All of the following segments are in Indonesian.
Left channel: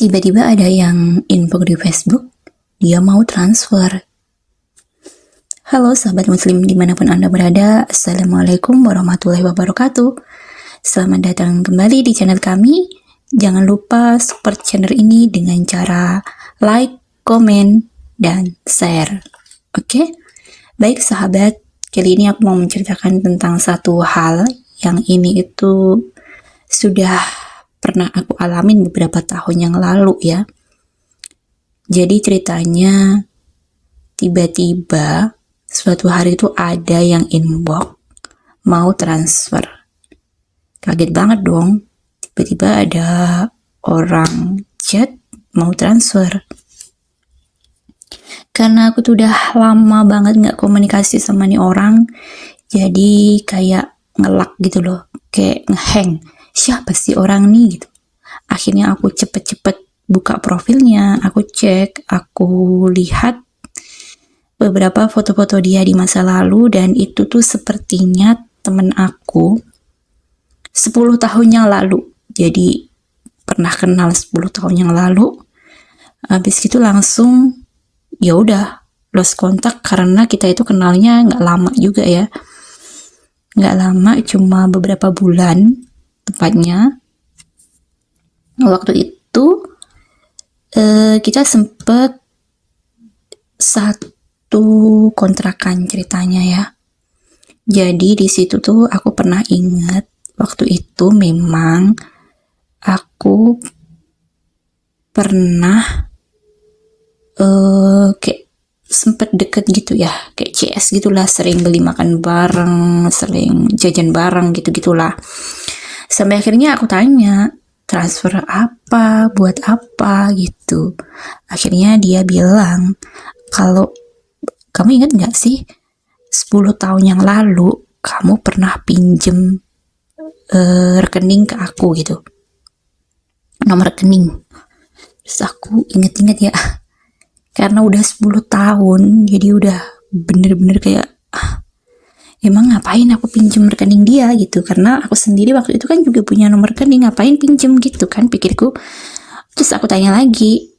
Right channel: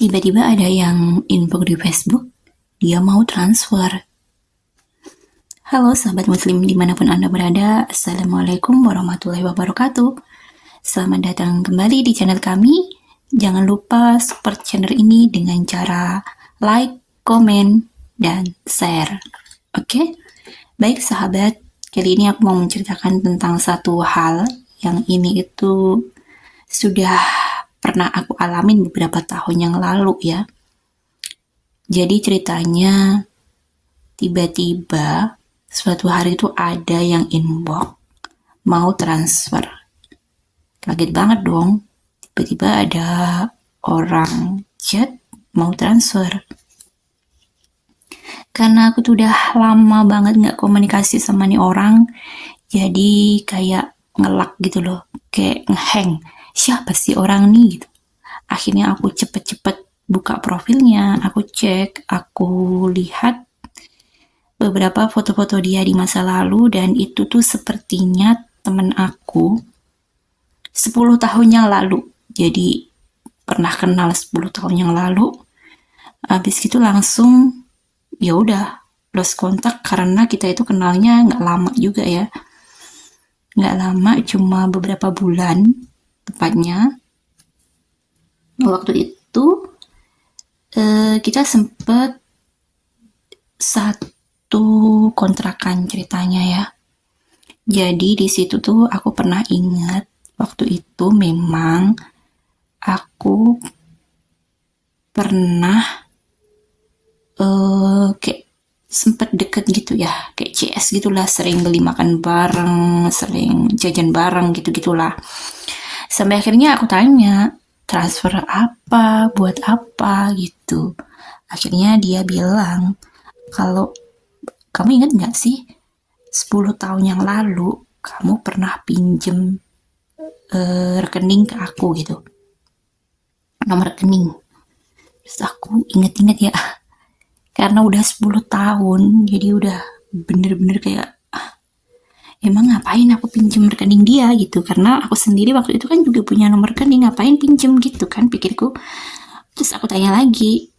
Tiba-tiba ada yang info di Facebook, dia mau transfer. Halo sahabat muslim dimanapun Anda berada, Assalamualaikum warahmatullahi wabarakatuh. Selamat datang kembali di channel kami. Jangan lupa support channel ini dengan cara like, komen, dan share. Oke? Baik sahabat, kali ini aku mau menceritakan tentang satu hal yang ini itu sudah pernah aku alamin beberapa tahun yang lalu ya. Jadi ceritanya tiba-tiba suatu hari itu ada yang inbox mau transfer. Kaget banget dong. Tiba-tiba ada orang chat mau transfer. Karena aku tuh udah lama banget gak komunikasi sama nih orang, jadi kayak ngelak gitu loh, kayak ngehang. Siapa sih orang nih gitu. Akhirnya aku cepet-cepet buka profilnya, aku cek, aku lihat beberapa foto-foto dia di masa lalu, dan itu tuh sepertinya temen aku 10 tahun yang lalu. Jadi pernah kenal 10 tahun yang lalu. Habis itu langsung ya udah lost kontak, karena kita itu kenalnya nggak lama juga ya, nggak lama, cuma beberapa bulan tepatnya. Waktu itu kita sempet satu kontrakan ceritanya ya. Jadi di situ tuh aku pernah ingat waktu itu memang aku pernah kayak sempet deket gitu ya, kayak CS gitulah, sering beli makan bareng, sering jajan bareng gitu-gitulah. Sampai akhirnya aku tanya, transfer apa, buat apa gitu. Akhirnya dia bilang, kalau kamu ingat gak sih 10 tahun yang lalu kamu pernah pinjem rekening ke aku gitu, nomor rekening. Terus aku inget-inget ya, karena udah 10 tahun, jadi udah bener-bener kayak emang ngapain aku pinjem rekening dia gitu, karena aku sendiri waktu itu kan juga punya nomor rekening, ngapain pinjem gitu kan pikirku. Terus aku tanya lagi,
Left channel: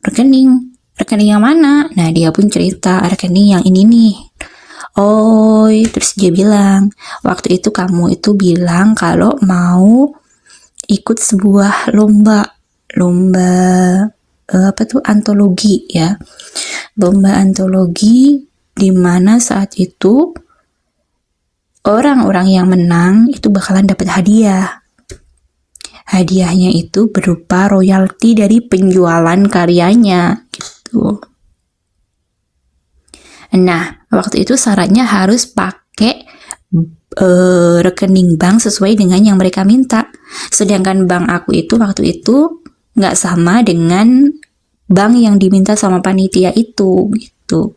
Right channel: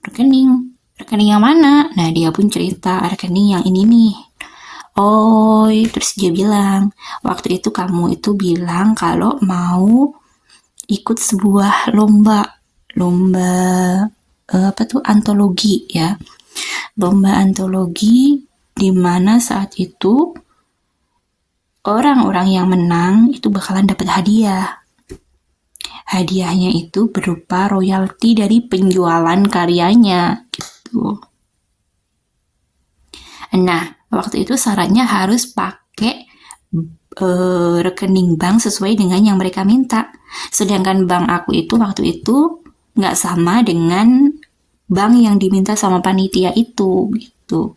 rekening yang mana? Nah dia pun cerita, rekening yang ini nih. Oh, terus dia bilang, waktu itu kamu itu bilang kalau mau ikut sebuah lomba apa tuh, antologi ya, lomba antologi, di mana saat itu orang-orang yang menang itu bakalan dapat hadiah. Hadiahnya itu berupa royalti dari penjualan karyanya gitu. Nah, waktu itu syaratnya harus pakai rekening bank sesuai dengan yang mereka minta. Sedangkan bank aku itu waktu itu nggak sama dengan bank yang diminta sama panitia itu gitu.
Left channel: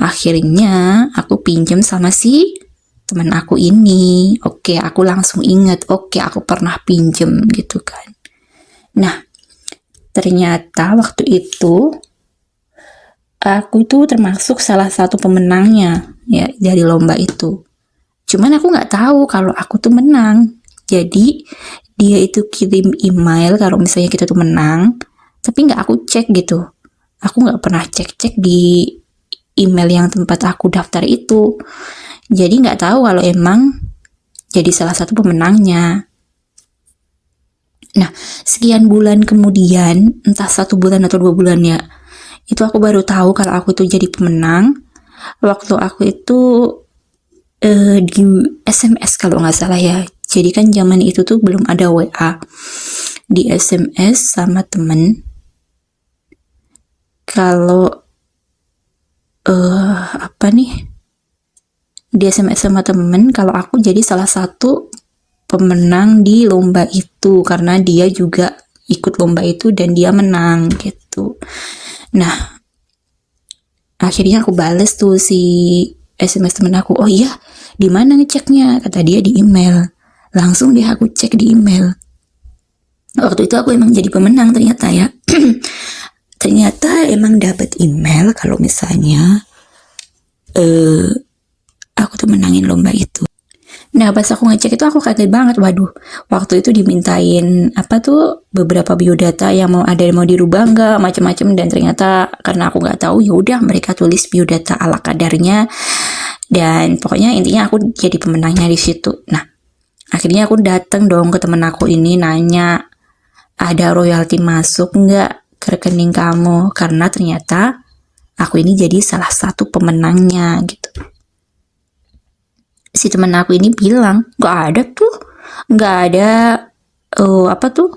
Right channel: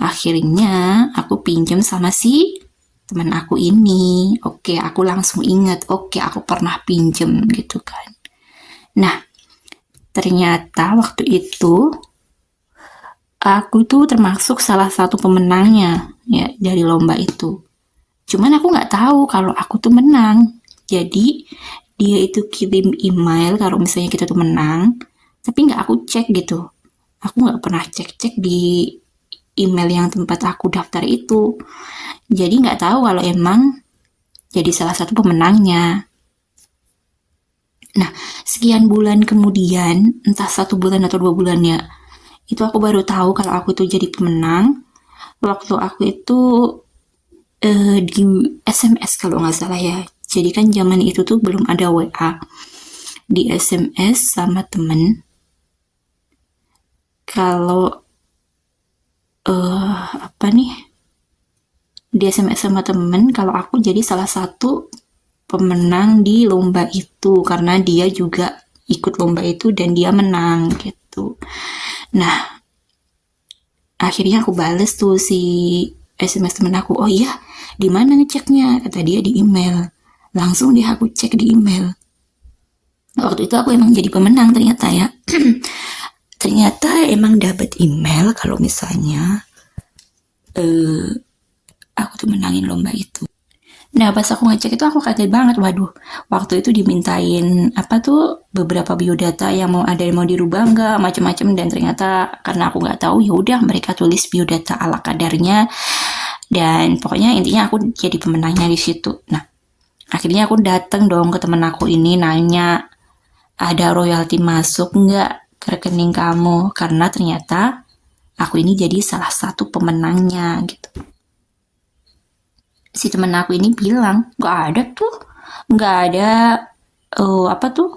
Akhirnya aku pinjam sama si teman aku ini. Oke, aku langsung inget, oke aku pernah pinjam gitu kan. Nah, ternyata waktu itu aku tuh termasuk salah satu pemenangnya ya dari lomba itu. Cuman aku nggak tahu kalau aku tuh menang. Jadi dia itu kirim email kalau misalnya kita tuh menang, tapi nggak aku cek gitu. Aku nggak pernah cek-cek di email yang tempat aku daftar itu. Jadi nggak tahu kalau emang jadi salah satu pemenangnya. Nah, sekian bulan kemudian, entah 1 bulan atau 2 bulan ya, itu aku baru tahu kalau aku itu jadi pemenang. Waktu aku itu di SMS kalau nggak salah ya. Jadi kan zaman itu tuh belum ada WA. Di SMS sama temen, kalau apa nih, di SMS sama temen kalau aku jadi salah satu pemenang di lomba itu, karena dia juga ikut lomba itu dan dia menang gitu. Nah, akhirnya aku bales tuh si SMS temen aku, oh iya, di mana ngeceknya? Kata dia di email. Langsung deh aku cek di email. Waktu itu aku emang jadi pemenang ternyata ya. Ternyata emang dapat email kalau misalnya aku tuh menangin lomba itu. Nah pas aku ngecek itu aku kaget banget, waduh waktu itu dimintain apa tuh beberapa biodata yang mau dirubah nggak macam-macam, dan ternyata karena aku nggak tahu ya udah mereka tulis biodata ala kadarnya, dan pokoknya intinya aku jadi pemenangnya di situ. Nah akhirnya aku datang dong ke temen aku ini nanya ada royalti masuk nggak ke rekening kamu, karena ternyata aku ini jadi salah satu pemenangnya gitu. Si temen aku ini bilang nggak ada tuh, nggak ada apa tuh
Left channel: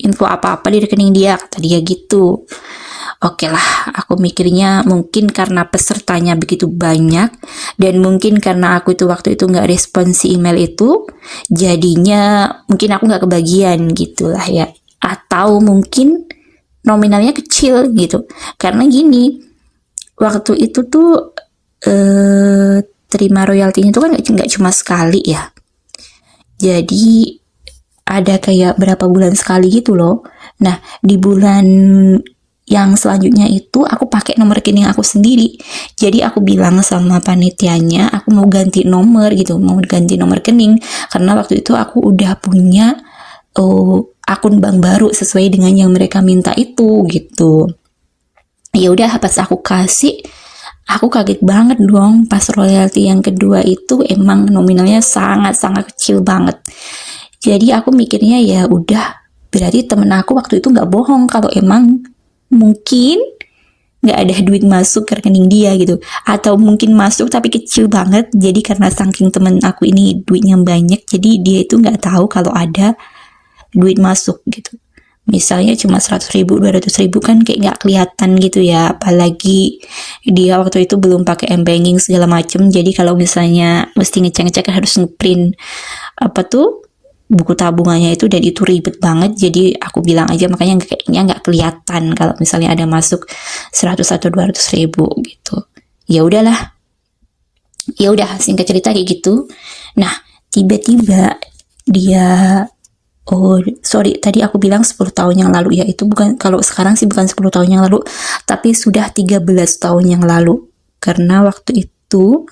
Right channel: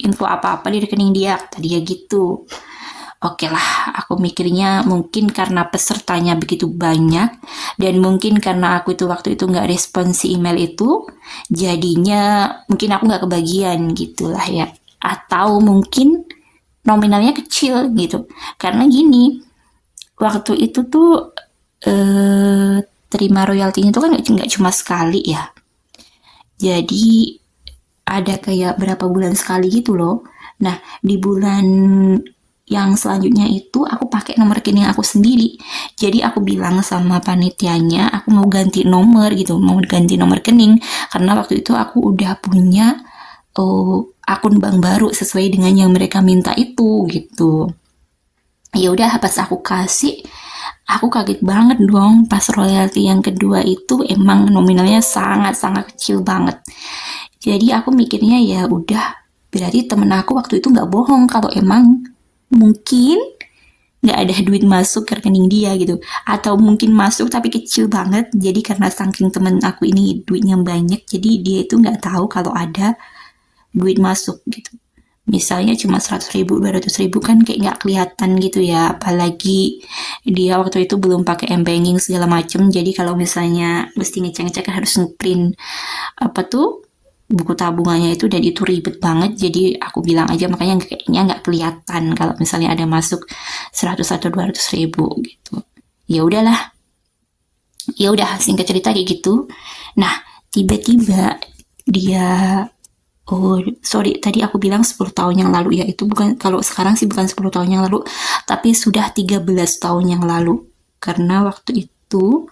info apa-apa di rekening dia, kata dia gitu. Oke lah, aku mikirnya mungkin karena pesertanya begitu banyak dan mungkin karena aku itu waktu itu nggak respon si email itu, jadinya mungkin aku nggak kebagian gitulah ya. Atau mungkin nominalnya kecil gitu. Karena gini, waktu itu tuh terima royaltinya itu kan nggak cuma sekali ya. Jadi ada kayak berapa bulan sekali gitu loh. Nah di bulan yang selanjutnya itu aku pakai nomor rekening aku sendiri. Jadi aku bilang sama panitianya aku mau ganti nomor gitu, mau ganti nomor rekening karena waktu itu aku udah punya akun bank baru sesuai dengan yang mereka minta itu gitu. Ya udah pas aku kasih, aku kaget banget dong pas royalti yang kedua itu emang nominalnya sangat-sangat kecil banget. Jadi aku mikirnya ya udah berarti temen aku waktu itu nggak bohong kalau emang mungkin nggak ada duit masuk ke rekening dia gitu, atau mungkin masuk tapi kecil banget. Jadi karena saking temen aku ini duitnya banyak, jadi dia itu nggak tahu kalau ada duit masuk gitu. Misalnya cuma 100.000, 200.000 kan kayak nggak kelihatan gitu ya, apalagi dia waktu itu belum pakai m-banking segala macem. Jadi kalau misalnya mesti ngecek-ngecek harus ngeprint apa tuh buku tabungannya itu, dan itu ribet banget. Jadi aku bilang aja makanya kayaknya nggak kelihatan kalau misalnya ada masuk 100 atau 200.000 gitu. Ya udahlah, ya udah singkat cerita kayak gitu. Nah tiba-tiba dia sorry tadi aku bilang 10 tahun yang lalu ya, itu bukan, kalau sekarang sih bukan 10 tahun yang lalu tapi sudah 13 tahun yang lalu, karena waktu itu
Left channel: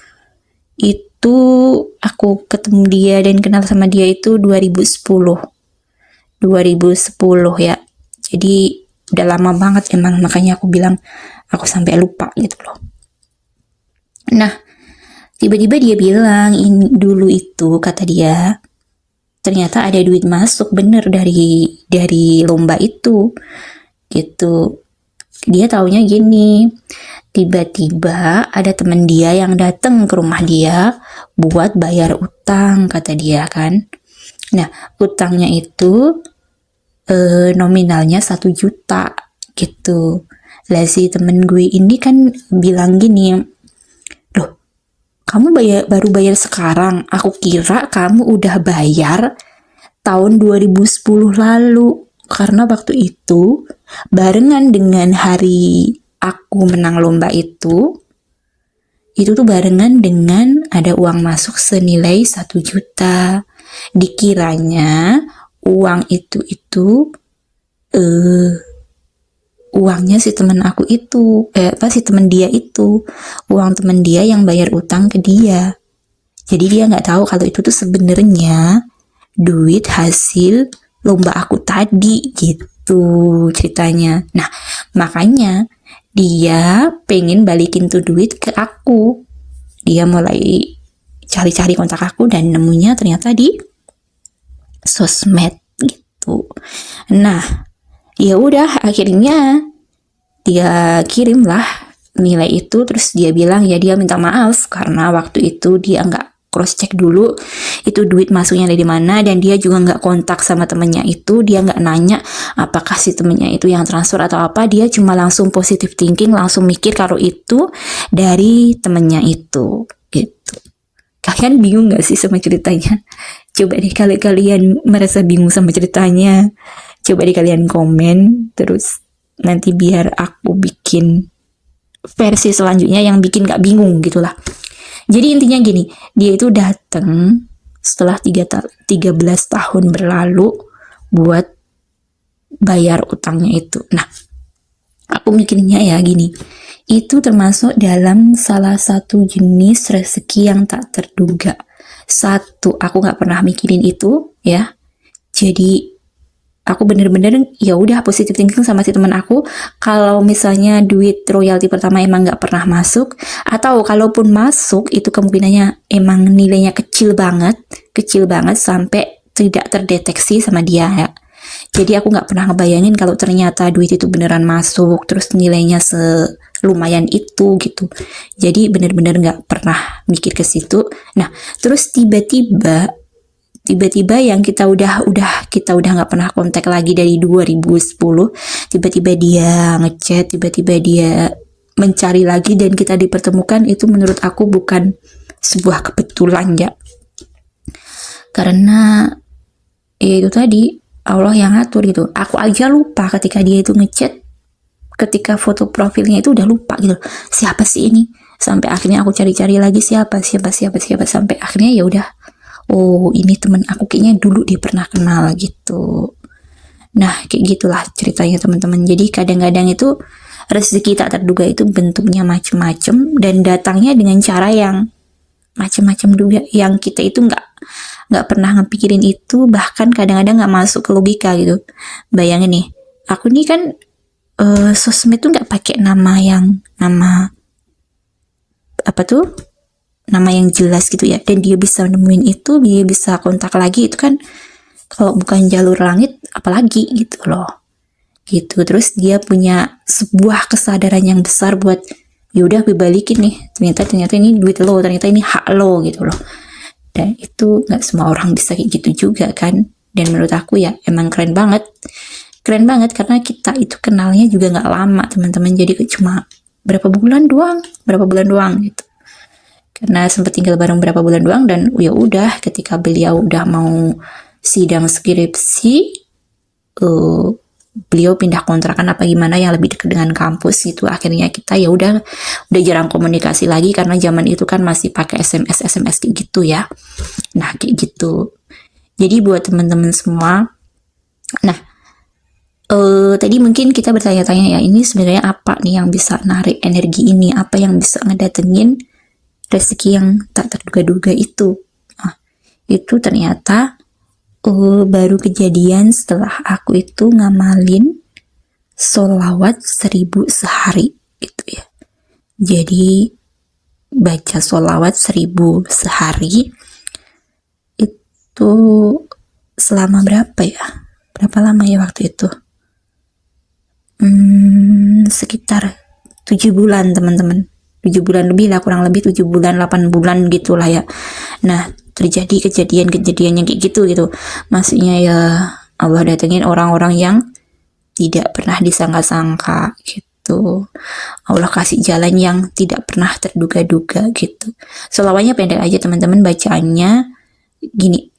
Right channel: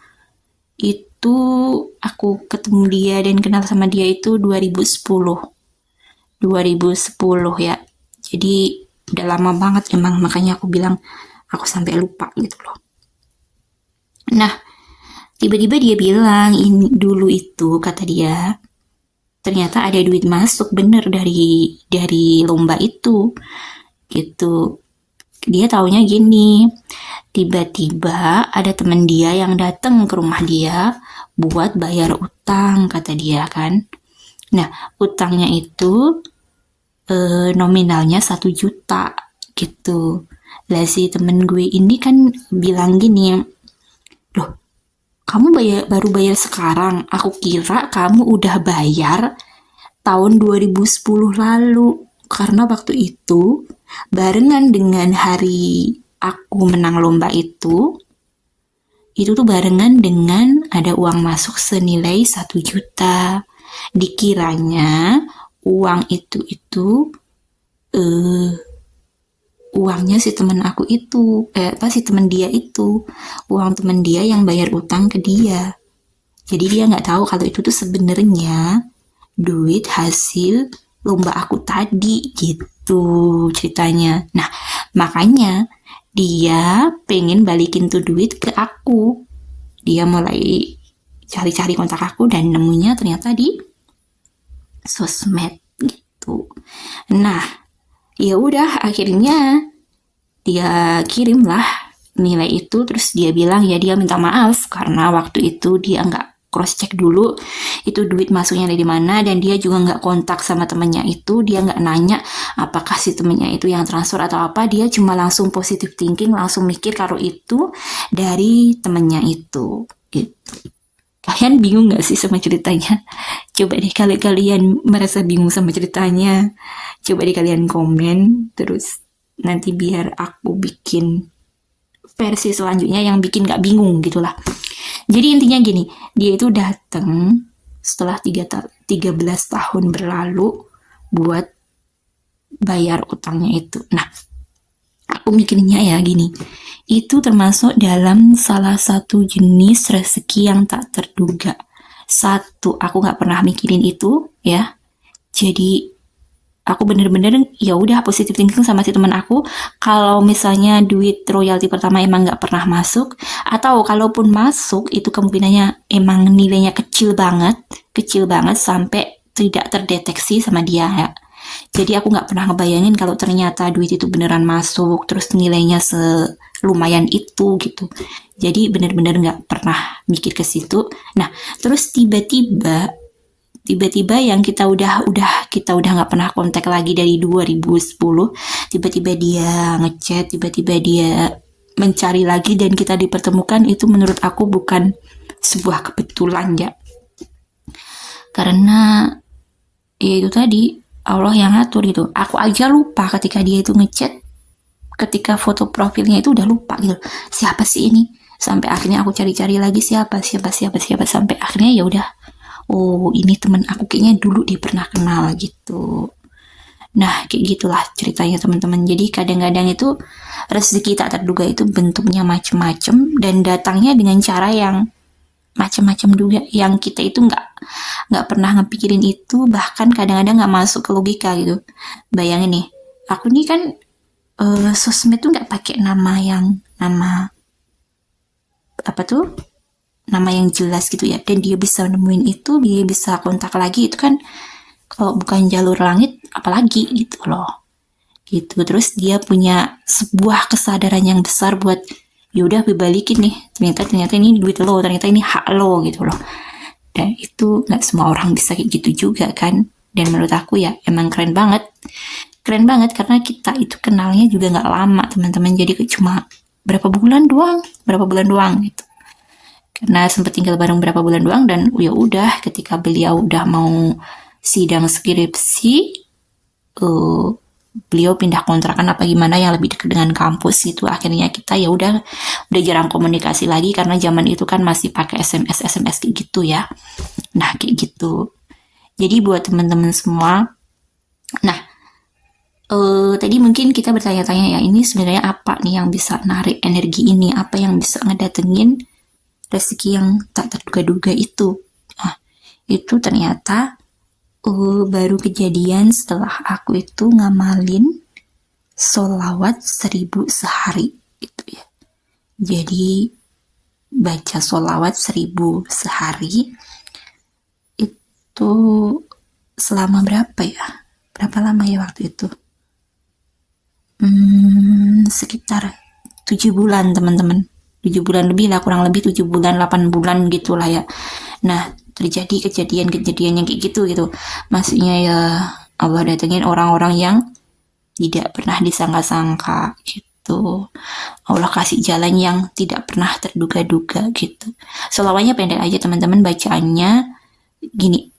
aku ketemu dia dan kenal sama dia itu 2010 ya. Jadi udah lama banget emang, makanya aku bilang aku sampai lupa gitu loh. Nah tiba-tiba dia bilang ini dulu itu kata dia ternyata ada duit masuk bener dari lomba itu gitu. Dia taunya gini, tiba-tiba ada temen dia yang datang ke rumah dia buat bayar utang kata dia kan. Nah utangnya itu nominalnya 1 juta gitu. Lah si temen gue ini kan bilang gini, loh kamu baru bayar sekarang, aku kira kamu udah bayar tahun 2010 lalu. Karena waktu itu barengan dengan hari aku menang lomba itu tuh barengan dengan ada uang masuk senilai 1 juta. Dikiranya uang itu uangnya si temen aku itu, si temen dia itu, uang temen dia yang bayar utang ke dia. Jadi dia nggak tahu kalau itu tuh sebenarnya duit hasil lomba aku tadi gitu ceritanya. Nah makanya dia pengen balikin tuh duit ke aku. Dia mulai cari-cari kontak aku dan nemunya ternyata di sosmed gitu. Nah ya udah akhirnya dia kirim lah nilai itu, terus dia bilang ya dia minta maaf karena waktu itu dia nggak cross check dulu itu duit masuknya dari mana, dan dia juga nggak kontak sama temennya itu, dia nggak nanya apakah si temennya itu yang transfer atau apa, dia cuma langsung positive thinking, langsung mikir kalau itu dari temennya itu gitu. Kalian bingung gak sih sama ceritanya? Coba deh kalau kalian merasa bingung sama ceritanya, coba deh kalian komen, terus nanti biar aku bikin versi selanjutnya yang bikin gak bingung gitulah. Jadi intinya gini, dia itu datang setelah 13 tahun berlalu buat bayar utangnya itu. Nah, aku mikirnya ya gini, itu termasuk dalam salah satu jenis rezeki yang tak terduga. Satu, aku nggak pernah mikirin itu ya. Jadi aku bener-bener ya udah positive thinking sama si teman aku. Kalau misalnya duit royalti pertama emang nggak pernah masuk, atau kalaupun masuk itu kemungkinannya emang nilainya kecil banget sampai tidak terdeteksi sama dia ya. Jadi aku nggak pernah ngebayangin kalau ternyata duit itu beneran masuk, terus nilainya lumayan itu gitu. Jadi bener-bener nggak pernah mikir ke situ. Nah, terus tiba-tiba yang kita udah nggak pernah kontak lagi dari 2010, tiba-tiba dia ngechat, tiba-tiba dia mencari lagi dan kita dipertemukan. Itu menurut aku bukan sebuah kebetulan ya, karena ya itu tadi Allah yang ngatur gitu. Aku aja lupa ketika dia itu ngechat, ketika foto profilnya itu udah lupa gitu, siapa sih ini, sampai akhirnya aku cari-cari lagi siapa sampai akhirnya ya udah, oh ini teman aku, kayaknya dulu dia pernah kenal gitu. Nah kayak gitulah ceritanya teman-teman. Jadi kadang-kadang itu rezeki tak terduga itu bentuknya macem-macem dan datangnya dengan cara yang macem-macem juga, yang kita itu nggak pernah ngepikirin itu, bahkan kadang-kadang nggak masuk ke logika gitu. Bayangin nih, aku nih kan sosmed tuh nggak pakai nama apa tuh, nama yang jelas gitu ya, dan dia bisa nemuin itu, dia bisa kontak lagi, itu kan kalau bukan jalur langit apalagi gitu loh gitu. Terus dia punya sebuah kesadaran yang besar buat ya udah gue balikin nih, ternyata ini duit lo, ternyata ini hak lo gitu loh. Dan itu nggak semua orang bisa kayak gitu juga kan. Dan menurut aku ya emang keren banget karena kita itu kenalnya juga nggak lama teman-teman, jadi cuma berapa bulan doang gitu, karena sempat tinggal bareng berapa bulan doang. Dan ya udah ketika beliau udah mau sidang skripsi, beliau pindah kontrakan apa gimana yang lebih dekat dengan kampus gitu. Akhirnya kita ya udah jarang komunikasi lagi karena zaman itu kan masih pakai SMS kayak gitu ya. Nah kayak gitu. Jadi buat teman-teman semua, nah tadi mungkin kita bertanya-tanya ya, ini sebenarnya apa nih yang bisa narik energi ini, apa yang bisa ngedatengin rezeki yang tak terduga-duga itu. Nah, itu ternyata baru kejadian setelah aku itu ngamalin sholawat 1000 sehari gitu ya. Jadi baca sholawat 1000 sehari itu selama berapa lama ya waktu itu, sekitar 7 bulan teman-teman, 7 bulan lebih lah, kurang lebih 7 bulan 8 bulan gitulah ya. Nah terjadi kejadian yang kayak gitu. Maksudnya ya Allah datengin orang-orang yang tidak pernah disangka-sangka gitu. Allah kasih jalan yang tidak pernah terduga-duga gitu. Selawatnya pendek aja teman-teman, bacaannya gini:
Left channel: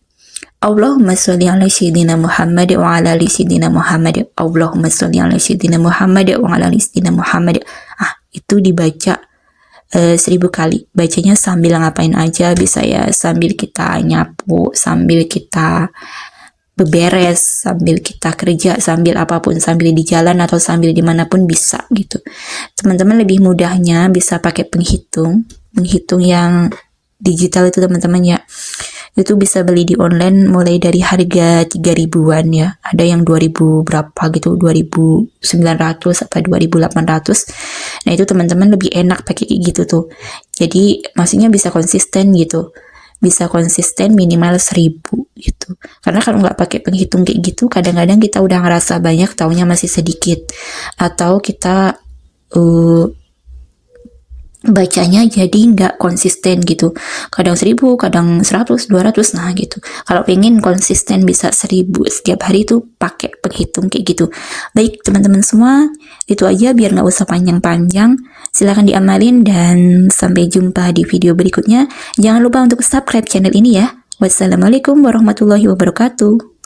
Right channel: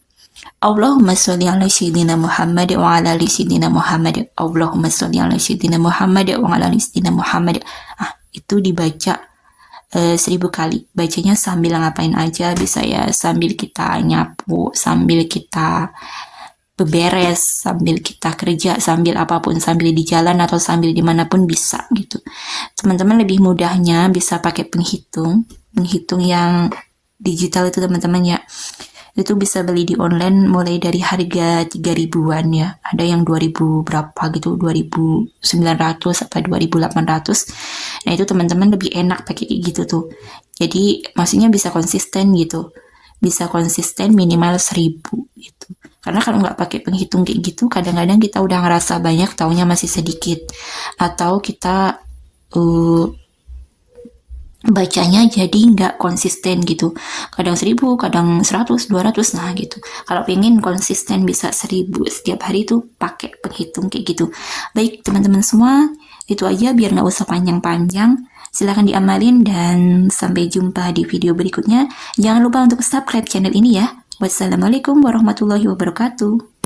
Allahumma sholli ala sayyidina Muhammad wa ala ali sayyidina Muhammad. Allahumma sholli ala sayyidina Muhammad wa ala ali sayyidina Muhammad. Itu dibaca 1000 kali. Bacanya sambil ngapain aja bisa ya, sambil kita nyapu, sambil kita beberes, sambil kita kerja, sambil apapun, sambil di jalan atau sambil dimanapun bisa gitu. Teman-teman lebih mudahnya bisa pakai penghitung yang digital itu teman-teman ya. Itu bisa beli di online mulai dari harga 3.000-an ya. Ada yang 2.000 berapa gitu, 2.900 atau 2.800. Nah itu teman-teman lebih enak pakai kayak gitu tuh. Jadi maksudnya bisa konsisten gitu. Bisa konsisten minimal 1.000 gitu. Karena kalau nggak pakai penghitung kayak gitu, kadang-kadang kita udah ngerasa banyak, taunya masih sedikit. Atau kita bacanya jadi nggak konsisten gitu, kadang 1.000, kadang 100, 200, nah gitu. Kalau pengen konsisten bisa 1.000 setiap hari itu pakai penghitung kayak gitu. Baik teman-teman semua, itu aja biar nggak usah panjang-panjang. Silahkan diamalin dan sampai jumpa di video berikutnya. Jangan lupa untuk subscribe channel ini ya. Wassalamualaikum warahmatullahi wabarakatuh.